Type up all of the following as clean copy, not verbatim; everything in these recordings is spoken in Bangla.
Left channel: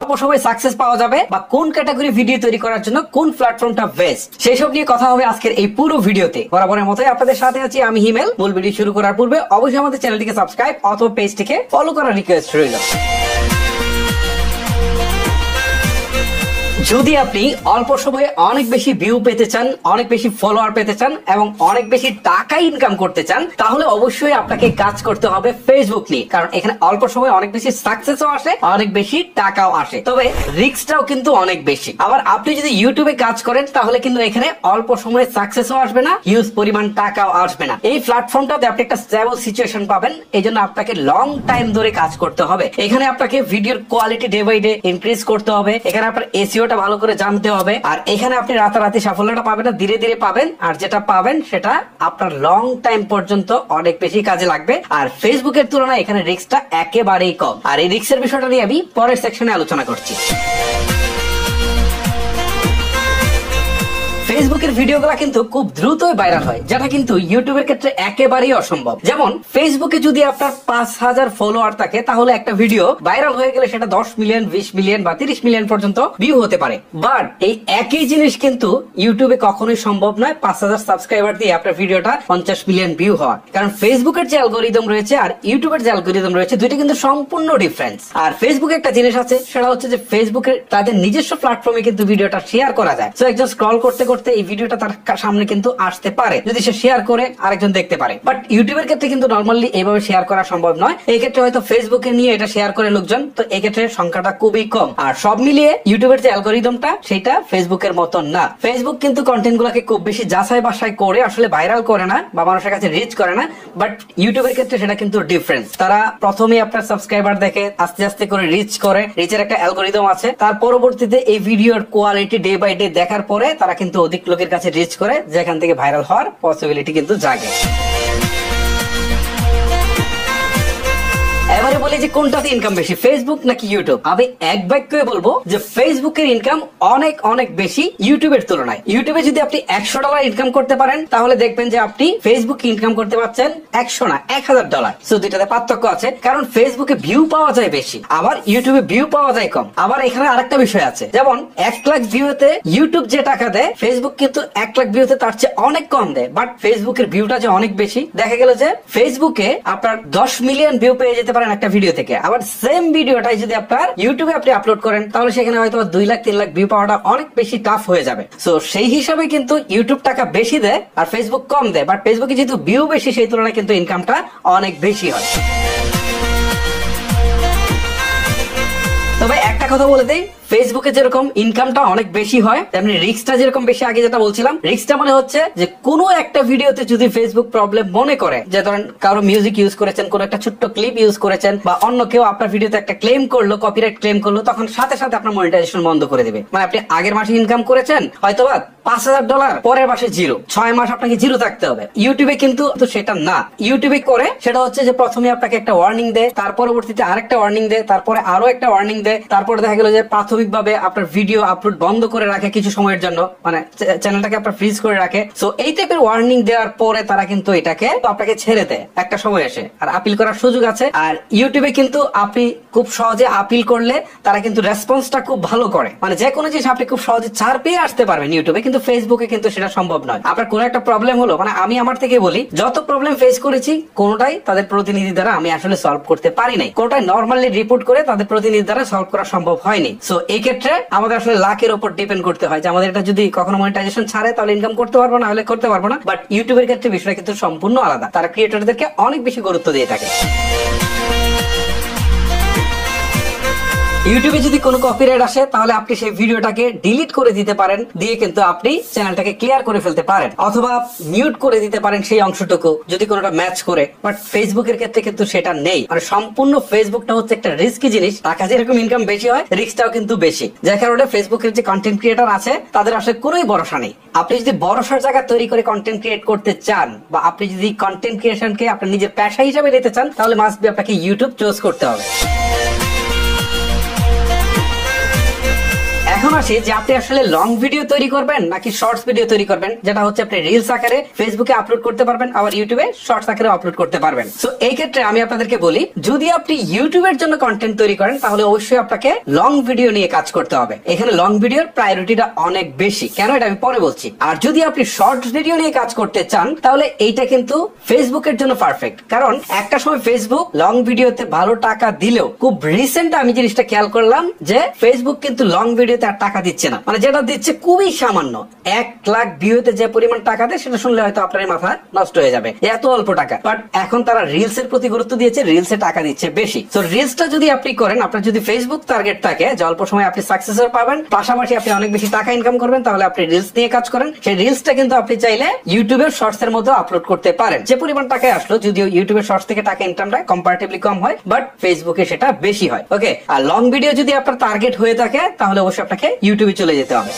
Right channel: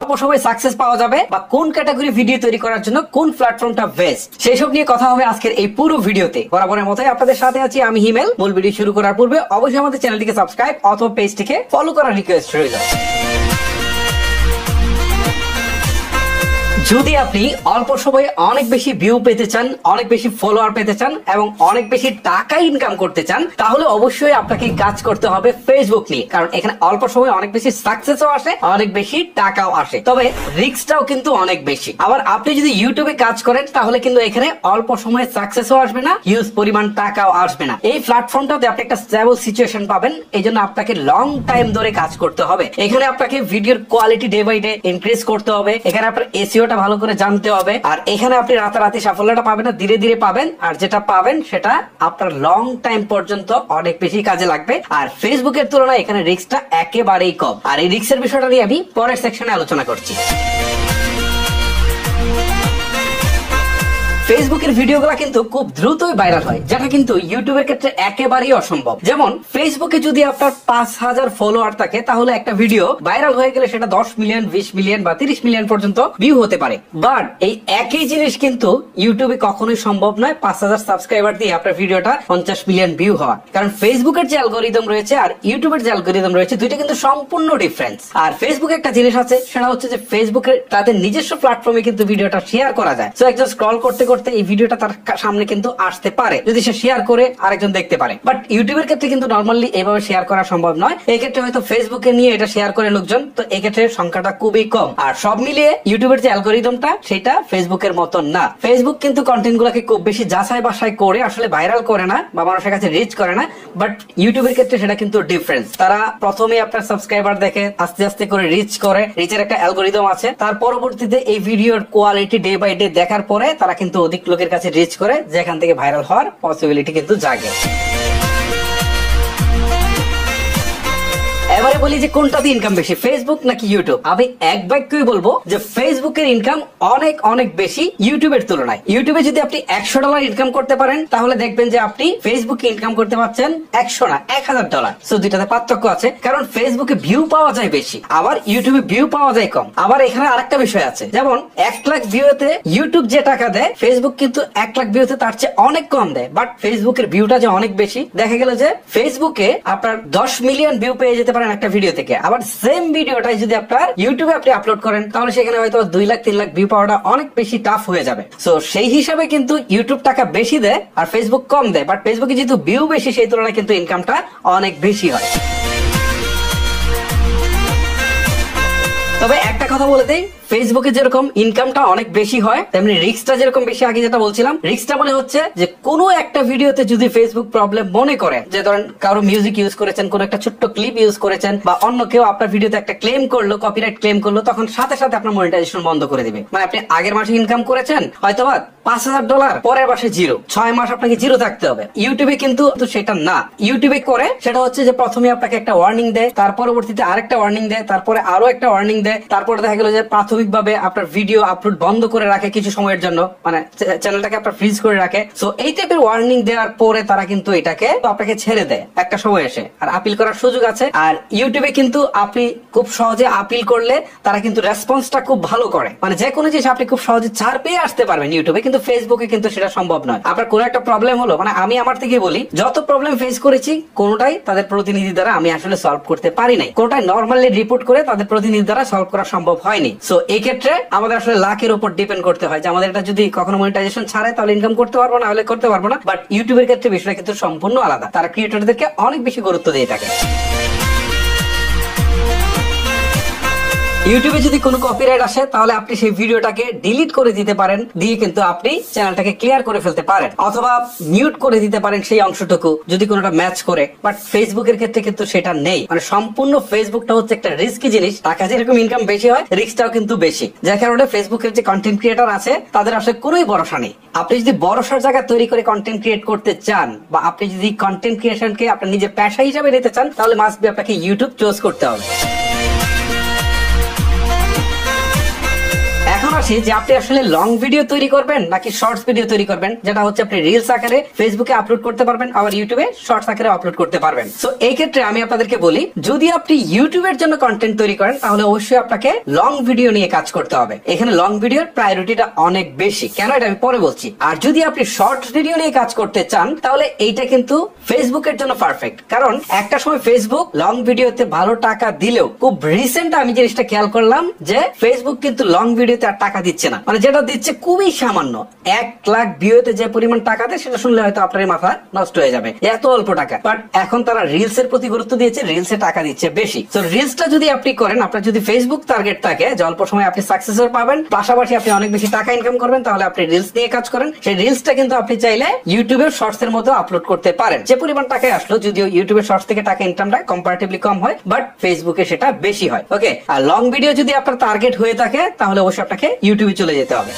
অল্প সময় সাকসেস পাওয়া যাবে বা কোন ক্যাটাগরি ভিডিও তৈরি করার জন্য কোন প্ল্যাটফর্মটা বেস্ট সেই সব নিয়ে কথা হবে আজকের এই পুরো ভিডিওতে। বরাবরের মতোই আপনাদের সাথে আছি আমি হিমেল। মূল ভিডিও শুরু করার পূর্বে অবশ্যই আমাদের চ্যানেলটিকে সাবস্ক্রাইব অথবা পেজটিকে ফলো করার রিকোয়েস্ট রইল। যদি আপনি অল্প সময়ে অনেক বেশি ভিউ পেতে চান, অনেক বেশি ফলোয়ার পেতে চান এবং অনেক বেশি টাকা ইনকাম করতে চান, তাহলে অবশ্যই আপনাকে কাজ করতে হবে ফেসবুক নিয়ে। কারণ এখানে অল্প সময়ে অনেক বেশি সাকসেসও আসে, অনেক বেশি টাকাও আসে, তবে রিস্কটাও কিন্তু অনেক বেশি। আবার আপনি যদি ইউটিউবে কাজ করেন তাহলে কিন্তু এখানে অল্প সময়ে সাকসেসও আসবে না, হিউজ পরিমাণ টাকাও আসবে না। এই প্ল্যাটফর্মটাতে আপনি একটা স্টেবল সিচুয়েশন পাবেন, এই জন্য আপনাকে লং টাইম ধরে কাজ করতে হবে। এখানে আপনাকে ভিডিওর quality day by day increase করতে হবে, এখানে আপনার এসইওটা ভালো করে জানতে হবে। আর এখানে আপনি রাতারাতি সাফল্যটা পাবেন না, ধীরে ধীরে পাবেন। আর যেটা পাবেন সেটা আপনার লং টাইম পর্যন্ত অনেক বেশি কাজে লাগবে। আর ফেসবুকের তুলনায় এখানে রিস্কটা একেবারেই কম। আর এই রিস্কের বিষয়টা নিয়ে আমি পরের সেকশনে আলোচনা করছি। ফেসবুকের ভিডিওগুলো কিন্তু খুব দ্রুতই ভাইরাল হয়, যেটা কিন্তু ইউটিউবের ক্ষেত্রে একেবারেই অসম্ভব। যেমন ফেসবুকে যদি আপনার 5,000 ফলোয়ার থাকে তাহলে একটা ভিডিও ভাইরাল হয়ে গেলে সেটা 10 মিলিয়ন, 20 মিলিয়ন বা 30 মিলিয়ন পর্যন্ত ভিউ হতে পারে। বাট এই একই জিনিস কিন্তু ইউটিউবে কখনোই সম্ভব নয় 5,000 সাবস্ক্রাইবার দিয়ে আপনার ভিডিওটা 50 মিলিয়ন ভিউ হওয়া। কারণ ফেসবুকের যে অ্যালগরিদম রয়েছে আর ইউটিউবের যে অ্যালগরিদম রয়েছে দুইটা কিন্তু সম্পূর্ণ ডিফারেন্স। আর ফেসবুকে একটা জিনিস আছে, সেটা হচ্ছে যে ফেসবুকের তাদের নিজস্ব প্ল্যাটফর্মে কিন্তু ভিডিওটা শেয়ার করা যায়। তো একজন স্ক্রল করতে এই ভিডিওটা তার সামনে কিন্তু আসতে পারে, যদি সে শেয়ার করে আরেকজন দেখতে পারে। বাট ইউটিউবের ক্ষেত্রে কিন্তু নরমালি এইভাবে শেয়ার করা সম্ভব নয়। এই ক্ষেত্রে হয়তো ফেসবুকে নিয়ে এটা শেয়ার করে লোকজন, তো এই ক্ষেত্রে সংখ্যাটা খুবই কম। আর সব মিলিয়ে ইউটিউবের যে অ্যালগরিদমটা সেটা ফেসবুকের মতন না। ফেসবুক কিন্তু কন্টেন্ট গুলাকে খুব বেশি যাচাই বাছাই করে আসলে ভাইরাল করে না বা মানুষের কাছে রিচ করে না। বাট ইউটিউবের ক্ষেত্রে সেটা কিন্তু ডিফারেন্স। তারা প্রথমে আপনার সাবস্ক্রাইবার দেখে আস্তে আস্তে করে রিচ করে, রিচের একটা অ্যালগরিদম আছে। তার পরবর্তীতে এই ভিডিওর কোয়ালিটি ডে বাই ডে দেখার পরে তারা কিন্তু অধিক লোকের কাছে রিচ করে, যেখান থেকে ভাইরাল হওয়ার পসিবিলিটি কিন্তু জাগে। এবারে বলি যে কোনটাতে ইনকাম বেশি, ফেসবুক নাকি ইউটিউব? আমি এক বাক্যে বলবো যে ফেসবুকের ইনকাম অনেক অনেক বেশি ইউটিউবের তুলনায়। ইউটিউবে যদি আপনি $100 ইনকাম করতে পারেন তাহলে দেখবেন যে আপনি ফেসবুকে ইনকাম করতে পারছেন 100 না $1,000। সো দুইটাতে পার্থক্য আছে, কারণ ফেসবুকে ভিউ পাওয়া যায় বেশি, আবার ইউটিউবে ভিউ পাওয়া যায় কম। আবার এখানে আরেকটা বিষয় আছে, যেমন 1 লাখ ভিউতে ইউটিউব যে টাকা দেয় ফেসবুক কিন্তু 1 লাখ ভিউতে তার চেয়ে অনেক কম দেয়। বাট ফেসবুকের ভিউটা যে অনেক বেশি, দেখা গেল যে ফেসবুকে আপনার 10 মিলিয়ন ভিউ পেয়ে যেতে পারেন একটা ভিডিও থেকে। আবার সেম ভিডিওটাই যদি আপনার ইউটিউবে আপনি আপলোড করেন তাহলে সেখানে হয়তো 2 লাখ 3 লাখ ভিউ পাওয়াটা অনেক বেশি টাফ হয়ে যাবে। সো সেই হিসাবে কিন্তু ইউটিউব টাকা বেশি দেয় আর ফেসবুক কম দেয়। বাট ফেসবুকে যেহেতু ভিউ বেশি সেই তুলনায় কিন্তু ইনকামটা অনেক বেশি হয়। তবে একটা কথা বলে দেই, ফেসবুকে যেরকম ইনকামটা অনেক বেশি হয় তেমনি রিস্কটা যেরকম বেশি। আগে যেটা বলছিলাম, রিস্কটা মনে হচ্ছে যে কোনো একটা ভিডিওতে যদি ফেসবুক প্রবলেম মনে করে, যে ধরেন কারো মিউজিক ইউজ করেছেন, কোন একটা ছোট্ট ক্লিপ ইউজ করেছেন বা অন্য কেউ আপনার ভিডিওতে একটা ক্লেম করলো, কপিরাইট ক্লেম করলো, তখন সাথে সাথে আপনার মনিটাইজেশন বন্ধ করে দিবে। মানে আপনি আগের মাসে ইনকাম করেছেন হয়তোবা $5,000, পরের মাসে জিরো, 6 মাস আপনাকে জিরো থাকতে হবে। ইউটিউবে কিন্তু সেটা না। ইউটিউবে করে সেটা হচ্ছে যে প্রথমে আপনাকে একটা ওয়ার্নিং দেয়, তার পরবর্তীতে আরেকটা ওয়ার্নিং দেয়, তারপরে আরো একটা ওয়ার্নিং দেয়, তারপরে দেখা গেল যে প্রাথমিকভাবে আপনার ভিডিও আপলোড বন্ধ করে রাখে কিছু সময়ের জন্য, মানে চ্যানেলটাকে আপনার ফ্রিজ করে রাখে। সো এই টাইপের ওয়ার্নিং দেওয়ার পরে তারা কিন্তু এটাকে আপনাকে ছেড়ে দেয় একটা সময় এসে, আর আপিল করার সুযোগ আছে। আর ইউটিউবে কিন্তু আপনি খুব সহজে আপিল করলে তারা কিন্তু রেসপন্সটা খুব ভালো করে, মানে যে কোনো জিনিস আপনি খুব সহজে ছাড় পেয়ে আসতে পারবেন ইউটিউবে, কিন্তু ফেসবুকে কিন্তু সেটা সম্ভব নয়। আপনার কোনো একটা প্রবলেম হলো, মানে আমি আমার থেকে বলি, যত প্রবলেম ফেস করেছি কোনোটাই তাদের প্রতিনিধি দ্বারা আমি আসলে সলভ করতে পারি নাই, কোনোটাই নর্মালি রিপোর্ট করে তাদের প্রতিনিধি দ্বারা সলভ করা সম্ভব হয়নি। সো এই ক্ষেত্রে আমাদের আসলে লাখের উপর ডিপেন্ড করতে হয় যে আমাদের এটা যদি কখনো মনিটাইজেশন ছাড়ে তাহলে ইনকাম করতে পারবো না, হলে করতে পারবো না। বাট ইউটিউবের ক্ষেত্রে বিষয়টা কিন্তু সম্পূর্ণ আলাদা, তারা ক্রিয়েটরদেরকে অনেক বেশি গুরুত্ব দিয়ে থাকে। ইউটিউবে যদি কোনো কপিরাইট আসে তাহলে আপনি সেই ভিডিওটাকে ডিলিট করে দিতে পারেন, দিয়ে কিন্তু আপনি চ্যানেলটাকে ক্লিয়ার করে ফেলতে পারেন, অথবা মিউট করে দিতে পারেন সেই অংশটুকু যদি কোনোটা ম্যাচ করে। বাট ফেসবুকের ক্ষেত্রে কিন্তু সেটা নেই, মানে সম্পূর্ণ ফেসবুকটা হচ্ছে একটা রিস্কি জিনিস। টাকা যেরকম ইনকাম বেশি হয়, রিস্কটাও কিন্তু বেশি, যার কারণে ফেসবুকের যে কন্টেন্ট ক্রিয়েটর আছে তাদের আসলে কোনোই ভরসা নেই। আপনি যদি ভরসার জায়গা তৈরি করে কন্টেন্ট ক্রিয়েট করতে চান, বা আপনি যদি কন্টেন্ট ক্রিয়েশনকে আপনার নিজের পেশা হিসেবে নিতে চান, তাহলে মাস্ট বি আপনাকে ইউটিউব চুজ করতে হবে। এখন আসি যে আপনি আসলে লং ভিডিও তৈরি করবেন নাকি শর্টস ভিডিও তৈরি করবেন, যেটা হচ্ছে আপনি রিলস আকারে ফেসবুকে আপলোড করতে পারবেন, আবার ইউটিউবে শর্টস আকারে আপলোড করতে পারবেন। সো এই ক্ষেত্রে আমি আপনাদেরকে বলি, যদি আপনি ইউটিউবের জন্য কন্টেন্ট তৈরি করেন তাহলে অবশ্যই আপনাকে লং ভিডিও নিয়ে কাজ করতে হবে। এখানে লং ভিডিওর প্রায়োরিটিটা অনেক বেশি, কেন এটা আমি পরে বলছি। আর যদি আপনি শর্টস ভিডিও নিয়ে কাজ করতে চান তাহলে এইটা কিন্তু ফেসবুকের জন্য পারফেক্ট, কারণ একটা সময় ফেসবুক লং ভিডিওতে ভালো টাকা দিলেও খুব রিসেন্ট আমি জিনিসটা খেয়াল করলাম যে ফেসবুক কিন্তু লং ভিডিওতে আর টাকা দিচ্ছে না, মানে যেটা দিচ্ছে খুবই সামান্য। 1 লাখ ভিউতে যে পরিমাণ টাকা দেয় সেটা শুনলে হয়তো আপনার মাথা নষ্ট হয়ে যাবে, এত অল্প টাকা। বাট এখন তারা রিলস এর প্রতি গুরুত্ব দিয়েছে, রিলসে টাকা দিচ্ছে বেশি। তো রিলসটা যদি আপনি করেন, আপনার যদি ফেসবুক টার্গেট থাকে যে অল্প সময় আপনি সাকসেসর পাবেন, পাশাপাশি আপনি অনেক বেশি টাকা ইনকাম করবেন, তাহলে আপনি রিলস নিয়ে কাজ করেন। সেই রিলসটা কিন্তু আপনি চাইলে ইউটিউবের শর্টস এর মধ্যে আপলোড করতে পারেন। যে পরিমাণ টাকায় আসলো, যদিও ইউটিউবের শর্টস থেকে টাকা ইনকামটা কম্পারেটিভলি কম হয়, বাট ফেসবুকে সেটা বেশি হয়। ওকে, আর লং ভিডিও যদি আপনার টার্গেট হয়ে থাকে তাহলে অবশ্যই আপনাকে ইউটিউবে চলে যেতে হবে।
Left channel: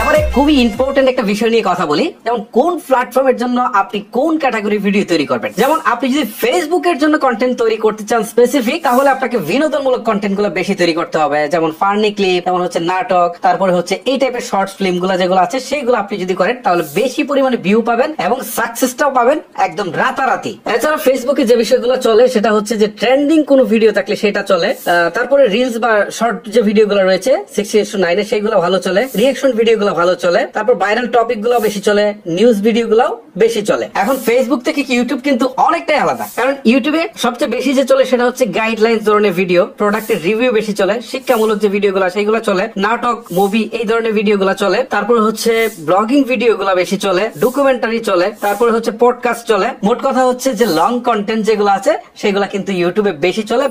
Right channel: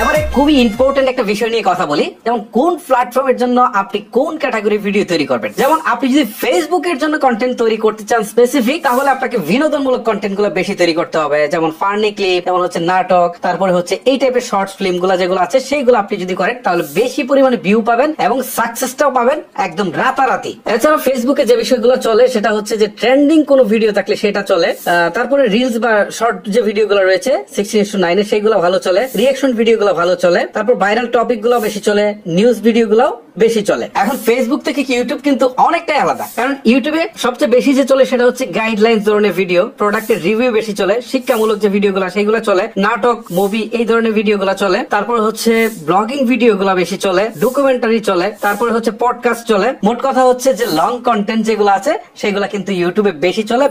এবারে খুবই ইম্পর্টেন্ট একটা বিষয় নিয়ে কথা বলি, যেমন কোন প্ল্যাটফর্মের জন্য আপনি কোন ক্যাটাগরি ভিডিও তৈরি করবেন। যেমন আপনি যদি ফেসবুকের জন্য কন্টেন্ট তৈরি করতে চান স্পেসিফিক, তাহলে আপনাকে বিনোদনমূলক কন্টেন্ট গুলো বেশি তৈরি করতে হবে, যেমন ফানি ক্লিপ, যেমন হচ্ছে নাটক, তারপরে হচ্ছে এই টাইপের শর্টস ফিল্ম গুলো যেগুলো আছে সেইগুলো আপনি যদি করেন তাহলে বেশি পরিমাণে ভিউ পাবেন এবং সাকসেসটাও পাবেন একদম রাতারাতি। এছাড়া ফেসবুকে যে বিষয়গুলো চলে সেটা হচ্ছে যে ট্রেন্ডিং কোন ভিডিও থাকলে সেটা চলে, তারপরে রিলস বা শর্ট যে ভিডিও গুলো রয়েছে 16:9 সেগুলো ভালো চলে, রিয়েকশন ভিডিও ভালো চলে, তারপর ভাইরাল টপিক গুলো বেশি চলে, নিউজ ভিডিও গুলো বেশি চলে। এখন ফেসবুক থেকে ইউটিউব কিন্তু অনেকটাই আলাদা, কারণ ইউটিউবে সবচেয়ে বেশি যে চলে সেটা হচ্ছে গাইডলাইন্স ধরনের ভিডিও, প্রোডাক্টের রিভিউ বেশি চলে, শিক্ষামূলক যে ভিডিও গুলো সেইগুলো চলে, নাটক, মুভি এই ধরনের ভিডিও গুলো চলে, তারপর হচ্ছে ব্লগিং ভিডিও গুলো বেশি চলে, ডকুমেন্টারি চলে, তারপর হচ্ছে পডকাস্ট চলে। মোট কথা হচ্ছে যে লং কন্টেন্ট যেগুলো আছে সেগুলো কিন্তু ইউটিউবে বেশি চলে,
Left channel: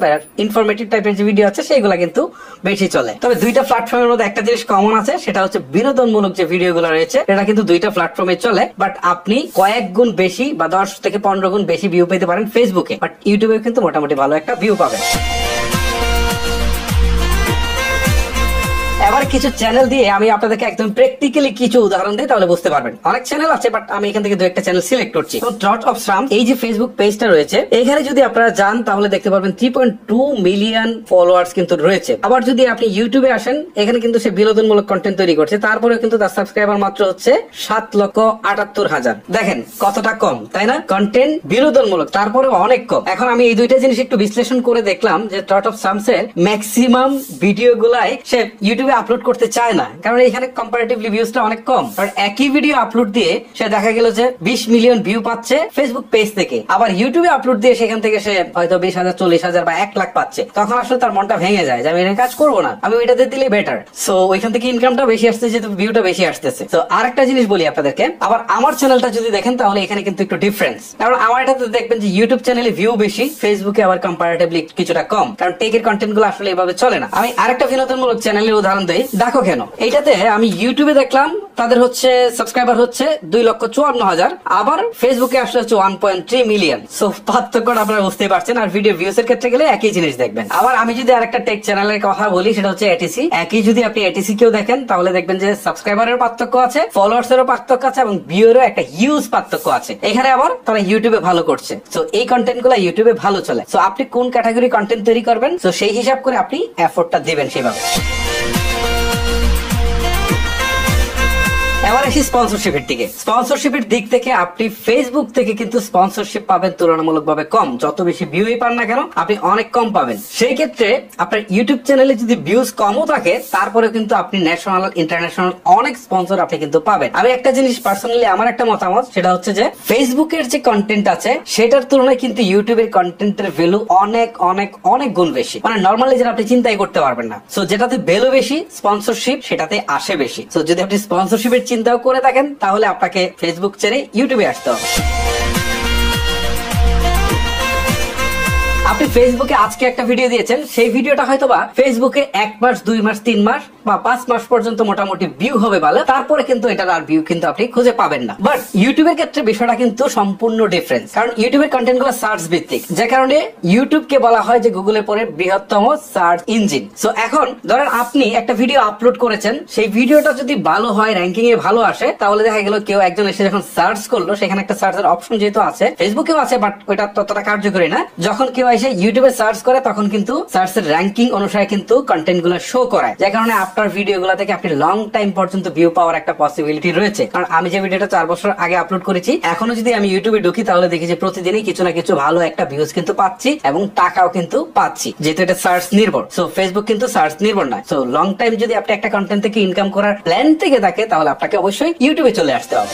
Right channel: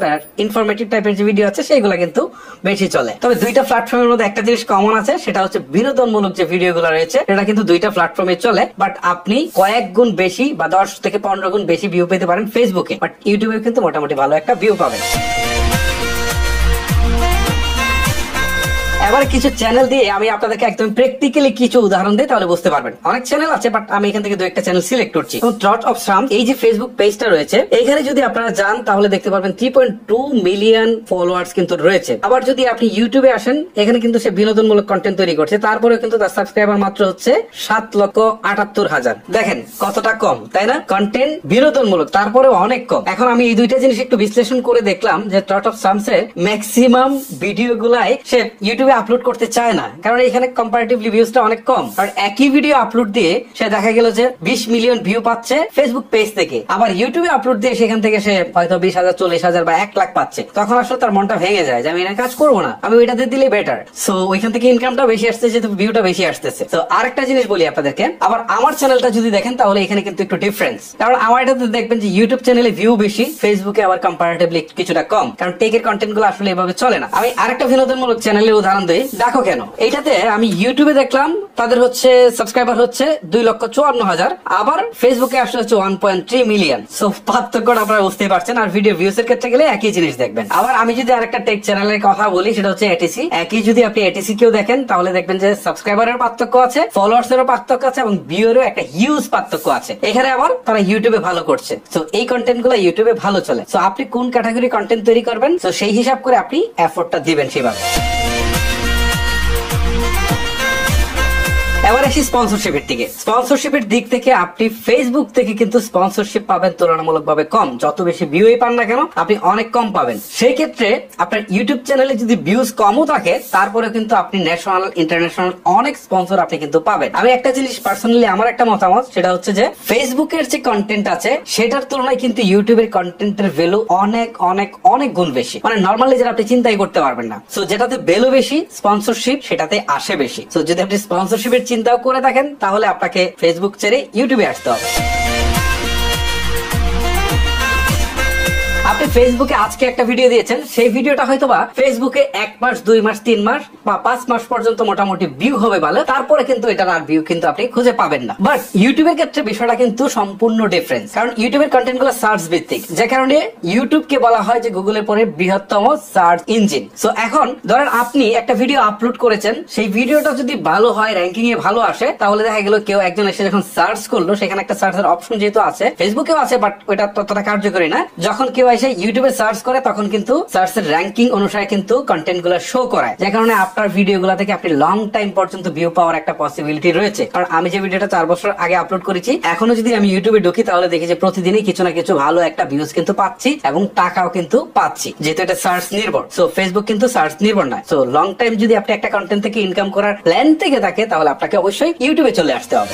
ইনফরমেটিভ টাইপের যে ভিডিও আছে সেগুলো কিন্তু বেশি চলে। তবে দুইটা প্ল্যাটফর্মের মধ্যে একটা জিনিস কমন আছে, সেটা হচ্ছে বিনোদনমূলক যে ভিডিওগুলো রয়েছে এটা কিন্তু দুইটা প্ল্যাটফর্মে চলে, বাট আপনি কয়েক গুণ বেশি বা 10 থেকে 15 গুণ বেশি ভিউ পেতে পারেন ফেসবুকে, বাট ইউটিউবে কিন্তু মোটামুটি ভালো একটা ভিউ পাবেন। এবার কিছু চ্যানেল দিয়ে আমি আপনাদেরকে একদম প্র্যাকটিক্যালি কিছু উদাহরণ দিই, তাহলে বুঝতে পারবেন। অনেক চ্যানেল আছে বাট আমি এখান থেকে দু একটা চ্যানেল সিলেক্ট করছি। ট্রট অফ শ্রাম এই যে ফেসবুক পেজটা রয়েছে, এখানে যদি আপনারা যান তাহলে দেখতে পারবেন 3.2 মিলিয়ন ফলোয়ার্স কিন্তু রয়েছে। আবার যদি আপনি ইউটিউবে আসেন, এখানে কিন্তু সে বিনোদনমূলক কন্টেন্ট তৈরি করছে, তারপরেও কিন্তু তার সাবস্ক্রাইবার মাত্র হচ্ছে 7,78,000। দেখেন কতটা কম, তাই না? কন্টেন্ট বিনোদনমূলক, তারপরেও অনেক কম। এখন আমি এই দুইটা জিনিস একটু বিশ্লেষণ করে দেখলাম যে ট্রট অফ শ্রামসের ম্যাক্সিমাম ভিডিও গুলাই সে ইউটিউবে আপলোড করতে চায় না, কারণ এখানে কম্পারেটিভলি ভিউজটা অনেক কম। আর একই ভিডিও আপলোড দিয়ে সে দেখা গেল যে 20 মিলিয়ন ভিউ পাচ্ছে ফেসবুক পেজ থেকে, আবার ইউটিউবে আপলোড দিয়ে সেখান থেকে সে হয়তো 20,000, 40,000 বা 1 লাখ পাচ্ছে। তখন আসলে তার মনটা ভেঙে যায় যে আমি এখানে কাজ করবো না, আমি ওইটাতে দিলে বেটার। সো ওইখান থেকে ইনকামটা বেশি আসতেছে, যেহেতু ভিউটা বেশি আসতেছে। তো আরেকটা জিনিস বলি আপনাদেরকে, আবার আমার চ্যানেলটা যদি দেখেন তাহলে এখানে কিন্তু একটু ডিফারেন্স, কারণ আমার এটাতে দেখবেন যে ইউটিউব চ্যানেলে ভিউ বেশি, ফেসবুকে আবার কম্পারেটিভলি কিছুটা কম, কারণ টেকের কন্টেন্ট গুলো আসলে এভাবে চলে না। আমি আরেকটা বিনোদনমূলক চ্যানেলের উদাহরণ দিই, দেখো কেন। এইটাতে আমি ইউটিউবে দেখলাম তাদের হচ্ছে সাবস্ক্রাইবার হচ্ছে 2,54,000, আবার ফেসবুকে আসলে হচ্ছে 1.3 মিলিয়ন। সো পার্থক্যটা আপনারা বুঝতেই পারছেন। আর ভিডিও ভিউজ এর ক্ষেত্রে গেলে একই জিনিস দেখবেন। আবার আমি যদি আরেকটা টেক চ্যানেলের কথা বলি, সেটা হচ্ছে এটিসি। একই যদি আপনি এটিসি কেও দেখেন তাহলে দেখবেন যে সাবস্ক্রাইবারের পার্থক্য আছে, ফলোয়ার্স এরও পার্থক্য আছে এবং ভিউরও একটা হিউজ পার্থক্য আছে। এখানে আবার তারা ইউটিউবে ভালো করছে, তো এই কন্টেন্ট গুলো ইউটিউবে ভালো চলে। তো আপনি কোন ক্যাটাগরি কন্টেন্ট তৈরি করবেন, তো সেই হিসাব করে আপনি এফোর্টটা দিবেন সেভাবে। এবার আসি স্পন্সরশিপের দিকে। স্পন্সরশিপের দিক থেকে আপনি ফেসবুক থেকে কিন্তু স্পন্সরশিপ পাবেন তুলনামূলকভাবে কম। যত বেশি ভিউই পান না কেন আপনি অনেক কম পাবেন। সেই ক্ষেত্রে আপনার ইউটিউব চ্যানেলে যদি ভিউজ কমও থাকে তারপরে কিন্তু আপনি ন্যাশনাল, ইন্টারন্যাশনাল অনেক স্পন্সর আপনি কিন্তু পাবেন। আমি একটা জিনিস পার্সোনালি আমার একটা মতামত, সেটা হচ্ছে যে ফেসবুকের যে কন্টেন্ট আছে সেটার তুলনায় কিন্তু ইউটিউবের কন্টেন্টের ভ্যালু অনেক অনেক অনেক গুণ বেশি, মানে নর্মালি যেটা আপনি চিন্তাই করতে পারবেন না। সো যেটাতে ভ্যালু বেশি, স্পন্সরশিপ সেটাতে আসে বেশি। সো যদি আপনি স্পন্সরশিপের চিন্তাও করে থাকেন তাহলে আপনাকে ফেসবুক ছেড়ে ইউটিউবে আসতে হবে। আপনি ফেসবুকে আজকে একটা ভিডিও দিয়েছেন, সেই ভিডিওটা হয়তোবা ফেসবুকে 1 মাস, 2 মাস, 3 মাস বা 5 মাস পর্যন্ত মোটামুটি ভিউ হবে ভালো, তারপরে কিন্তু এটার আর ভিউ কিন্তু আপনি খুঁজে পাবেন না। বাট ইউটিউবের ক্ষেত্রে বিষয়টা কিন্তু সম্পূর্ণ ডিফারেন্স, কারণ ইউটিউবের কন্টেন্ট গুলো সার্চ ভিত্তিক, যে কারণে ইউটিউবকে বলা হয় যে গুগলের পরে বৃহত্তম সার্চ ইঞ্জিন। সো এখন ধরেন আপনি একটা ভিডিও আপলোড করেছেন, সেই ভিডিওটা যদি ভালো হয়, র্যাঙ্কিং এ ভালো আসে, তাহলে দেখা গেল কেউ একজন এসে যখন সার্চ করলো, সেখানে একটা সার্চের অপশন যেহেতু আছে, ফেসবুকেও আছে বাট ওটা ততটা কার্যকরী না, যখন কেউ এসে ইউটিউবে সার্চ করে তখন কিন্তু সার্চের র্যাঙ্কিং অনুসারে কিন্তু কন্টেন্ট গুলো শো করায়, যে কারণে আপনার ভিডিও গুলা থেকে আপনি লং টাইম পর্যন্ত ভিউ পাওয়ার একটা পসিবিলিটি রয়েছে। কারণ আমি যে ভিডিওটা 4 বছর আগে আপলোড করেছি, এখনো যদি আমি ইউটিউবে ঢুকি তাহলে দেখি যে প্রতিদিনই কিছু না কিছু ভালো একটা ভিউজ কিন্তু পাচ্ছি এবং টাকাও কিন্তু পাচ্ছি, যেহেতু এটা সার্চ নির্ভর। সো ফেসবুক কিন্তু সার্চ নির্ভর না। সো লং টাইম যদি আপনি একটা কন্টেন্ট থেকে ইনকাম করার প্ল্যান থেকে থাকে, তাহলে আপনাকে অবশ্যই ইউটিউবে চলে আসতে হবে।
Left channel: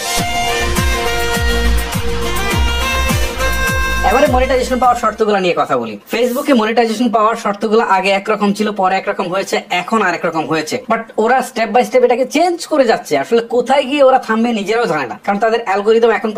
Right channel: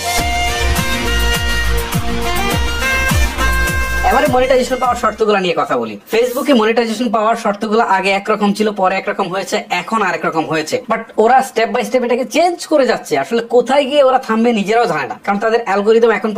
এবারে মনিটাইজেশন পাওয়ার শর্তগুলো নিয়ে কথা বলি। ফেসবুকে মনিটাইজেশন পাওয়ার শর্তগুলো আগে একরকম ছিল, পরে একরকম হয়েছে, এখন আরেক রকম হয়েছে। বাট ওরা স্টেপ বাই স্টেপ এটাকে চেঞ্জ করে যাচ্ছে। আসলে কোথায় গিয়ে ওরা থামবে নিজেরাও জানে না, কারণ তাদের অ্যালগোরিদম এখন